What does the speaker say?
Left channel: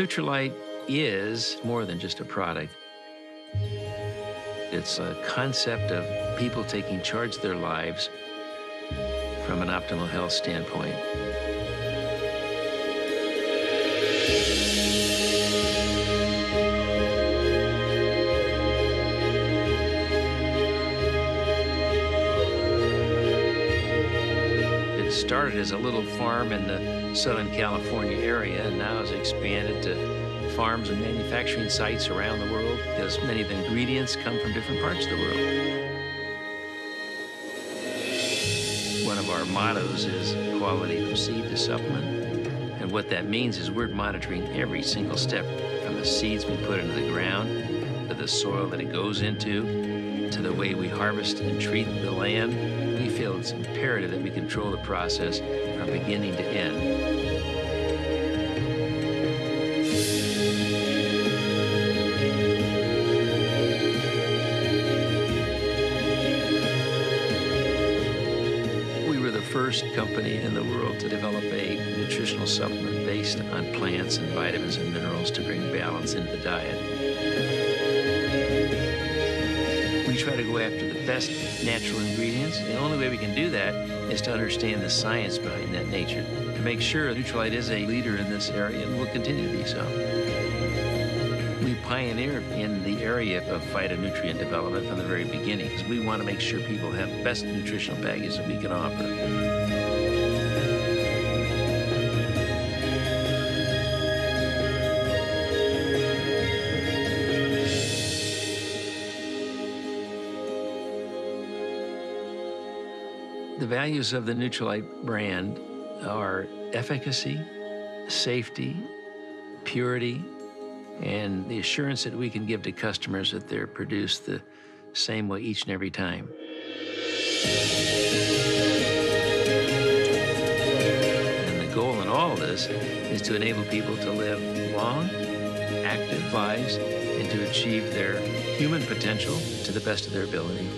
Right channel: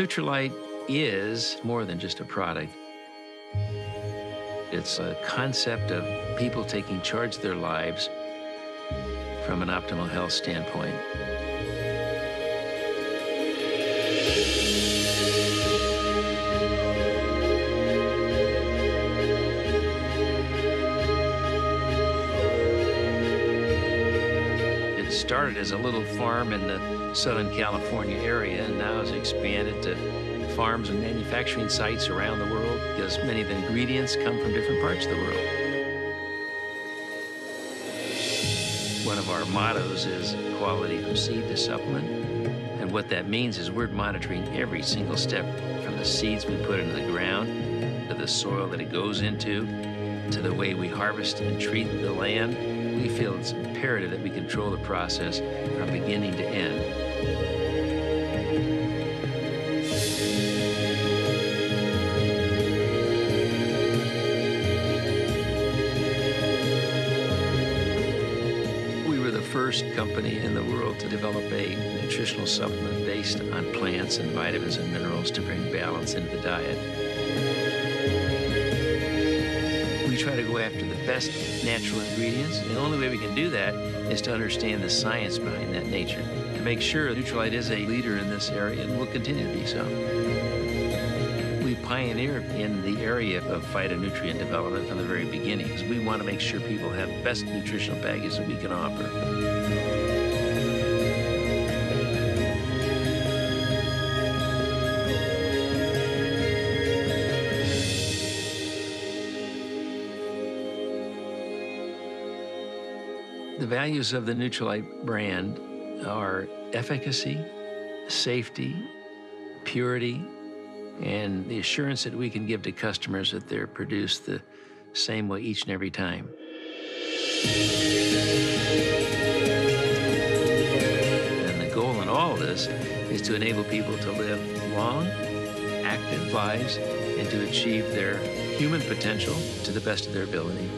NUTRILITE is more than just a product. It's a concept of people taking charge of their lives from an optimal health standpoint. It started as a little farm in the Southern California area and now has expanded to farms and manufacturing sites around the world because many of the ingredients come from different parts of the world. One of our mottos is quality from seed to supplement. And what that means is we're monitoring every single step from the seeds we put into the ground to the soil that it goes into to the way we harvest and treat the land. We feel it's imperative that we control the process from beginning to end. We were the first company in the world to develop a nutritional supplement based on plants and vitamins and minerals to bring balance into the diet. We try to go after the best natural ingredients, and the only way we can do that is to understand the science behind that nature, to make sure NUTRILITE is a leader in this area and will continue to be so. We pioneered in the area of phytonutrient development from the very beginning, because we want to make sure people have the best nutritional package that we can offer. The values of the NUTRILITE brand are efficacy, safety, purity, and the assurance that we can give to customers that they're produced the same way each and every time. And the goal in all of this is to enable people to live long, active lives and to achieve their human potential to the best of their ability.